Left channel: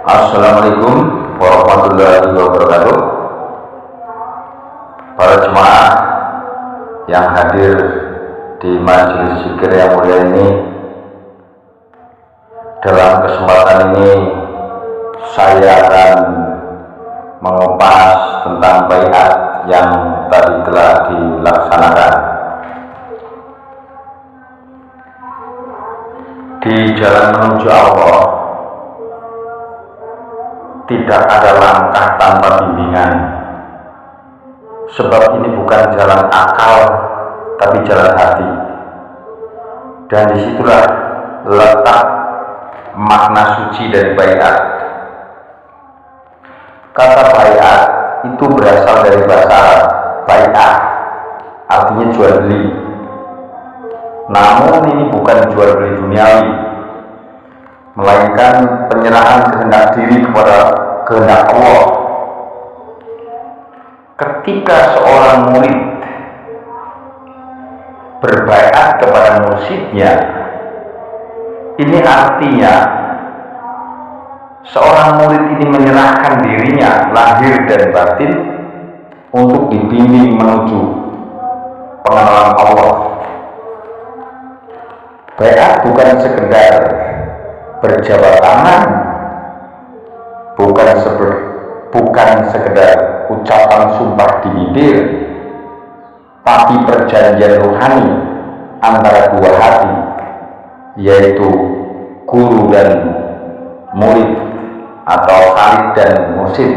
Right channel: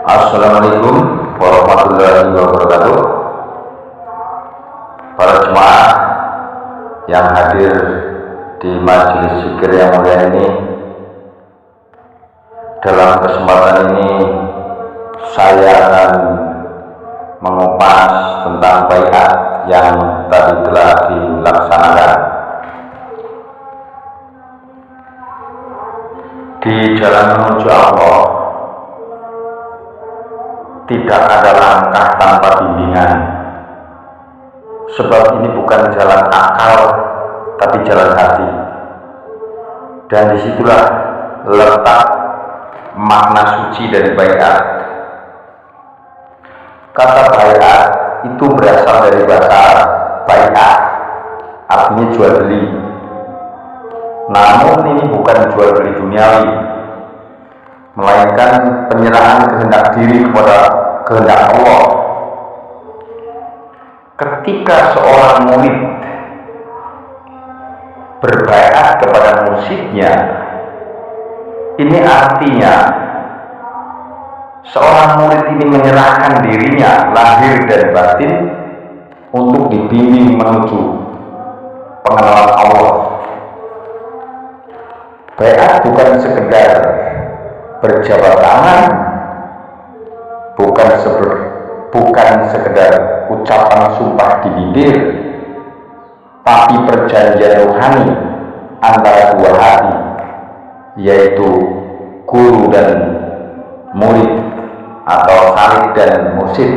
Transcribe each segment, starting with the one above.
Assalamualaikum warahmatullahi wabarakatuh. Para jemaah yang hadir di majelis zikir yang mulia ini, dalam kesempatan ini saya akan mengupas tentang baiat yang tadi telah dilaksanakan. Di jalan menuju Allah tidak ada langkah tanpa bimbingan, sebab ini bukan jalan akal tapi jalan hati, dan disitulah letak makna suci dari baiat. Kata baiat itu berasal dari bahasa Arab bai'ah, artinya jual beli. Namun ini bukan jual beli duniawi, melainkan penyerahan kehendak diri kepada kehendak Allah. Ketika seorang murid berbaiat kepada mursyidnya, ini artinya seorang murid ini menyerahkan dirinya lahir dan batin untuk dibimbing menuju pengenalan Allah. Baiat bukan sekedar berjabat tangan, bukan sekedar ucapan sumpah di bibir, tapi perjanjian rohani antara dua hati, yaitu guru dan murid atau khalid dan mursyid.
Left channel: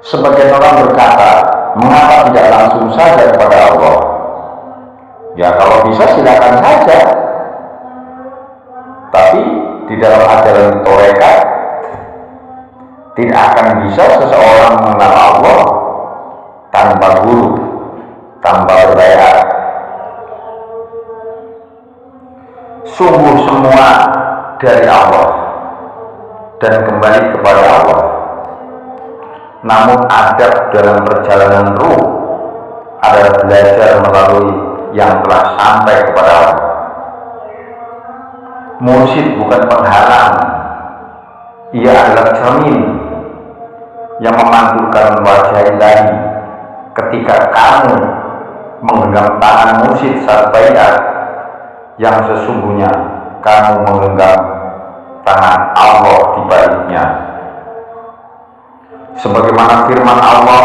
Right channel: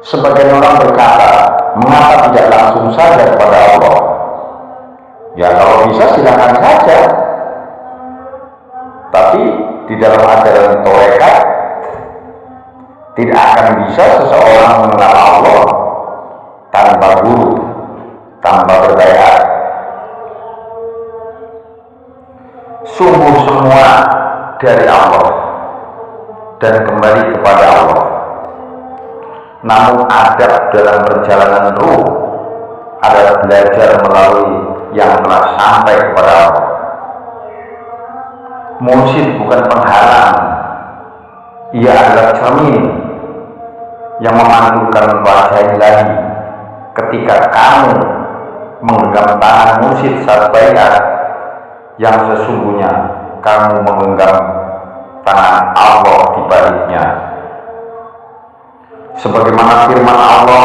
Sebagian orang berkata, mengapa tidak langsung saja kepada Allah? Ya, kalau bisa silakan saja. Tapi di dalam ajaran tarekat tidak akan bisa seseorang mengenal Allah tanpa guru, tanpa berbaiat. Sungguh semua dari Allah dan kembali kepada Allah. Namun adab dalam perjalanan ruh adalah belajar melalui yang telah sampai kepada Allah. Mursyid bukan penghalang, ia adalah cermin yang memantulkan wajah ilahi. Ketika kamu menggenggam tangan mursyid saat baiat, yang sesungguhnya kamu menggenggam tangan Allah di baliknya. Sebagaimana firman Allah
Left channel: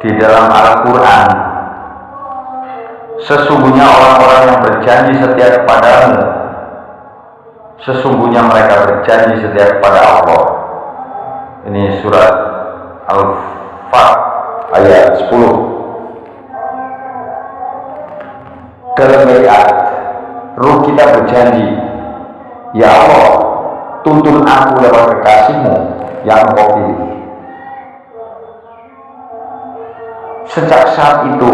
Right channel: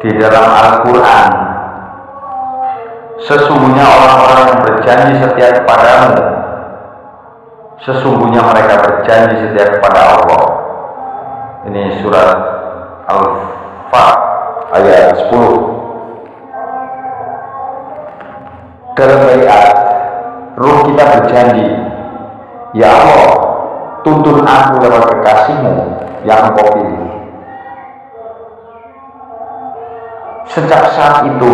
di dalam Al-Quran, sesungguhnya orang-orang yang berjanji setia kepadamu, sesungguhnya mereka berjanji setia kepada Allah. Ini surat Al-Fat ayat 10. Dalam baiat, ruh kita berjanji, ya Allah, tuntun aku lewat kekasihmu yang engkau pilih. Sejak saat itu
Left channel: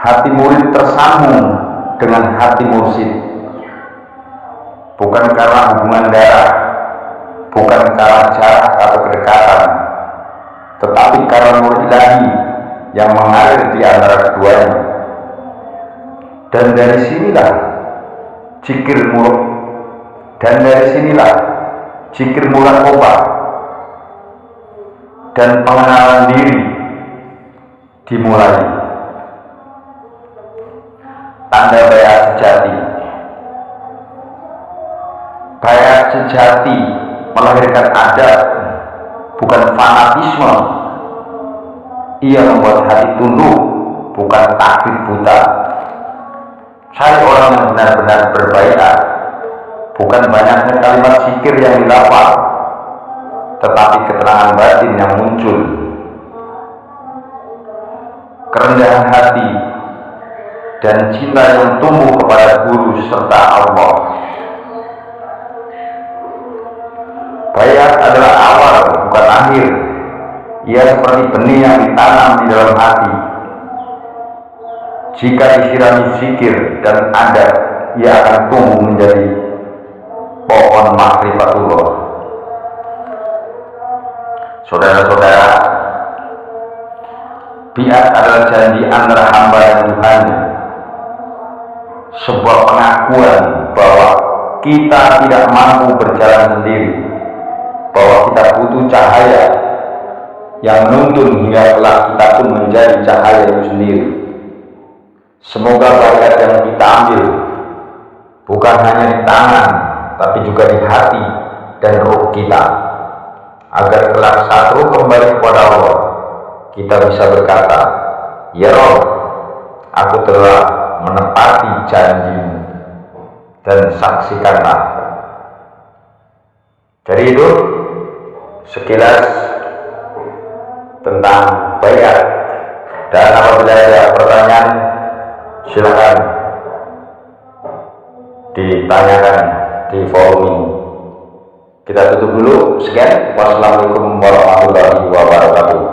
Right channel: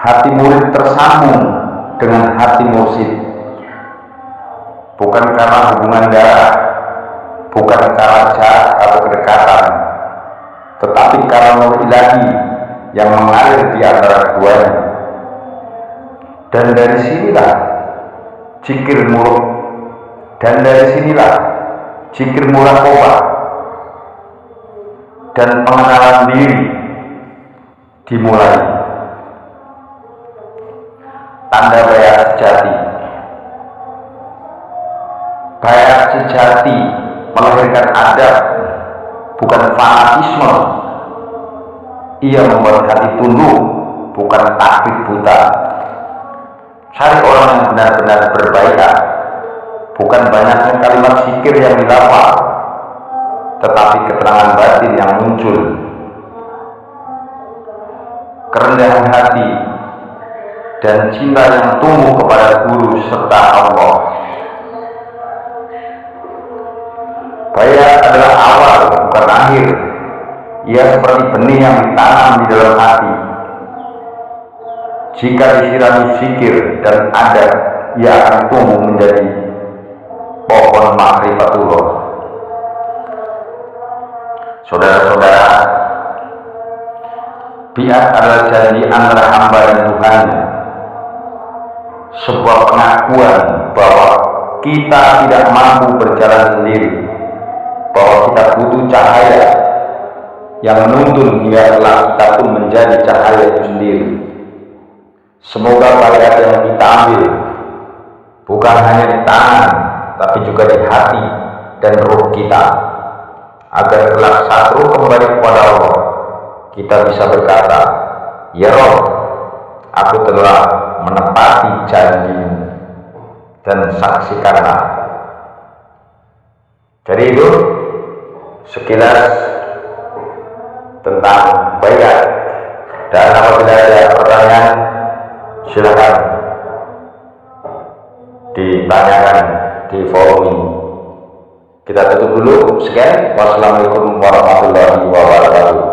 hati murid tersambung dengan hati mursyid, bukan karena hubungan darah, bukan karena jarak atau kedekatan, tetapi karena nur ilahi yang mengalir di antara keduanya. Dan dari sinilah zikir muraqabah dan pengenalan diri dimulai. Tanda baiat sejati. Baiat sejati melahirkan adab, bukan fanatisme. Ia membuat hati tunduk, bukan taklid buta. Cari orang yang benar-benar berbaiat, bukan banyaknya kalimat zikir yang dilafal, tetapi keterangan batin yang muncul. Kerendahan hati dan cinta yang tumbuh kepada guru serta Allah. Baiat adalah awal, bukan akhir. Ia seperti benih yang ditanam di dalam hati. Jika disirami zikir dan adab, ia akan tumbuh menjadi pohon ma'rifatullah. Saudara-saudara, baiat adalah janji antara hamba dan Tuhannya, sebuah pengakuan bahwa kita tidak mampu berjalan sendiri, bahwa kita butuh cahaya yang menuntun hingga kelak kita pun menjadi cahaya itu sendiri. Semoga baiat yang kita ambil bukan hanya di tangan, tapi juga di hati dan ruh kita, agar kelak saat ruh kembali kepada Allah, kita bisa berkata, "Ya Rob, aku telah menepati janji-Mu," dan saksikanlah. Jadi itu sekilas tentang baiat, dan apabila ada pertanyaan silakan ditanyakan di forum ini. Kita tutup dulu. Sekian, wassalamualaikum warahmatullahi wabarakatuh.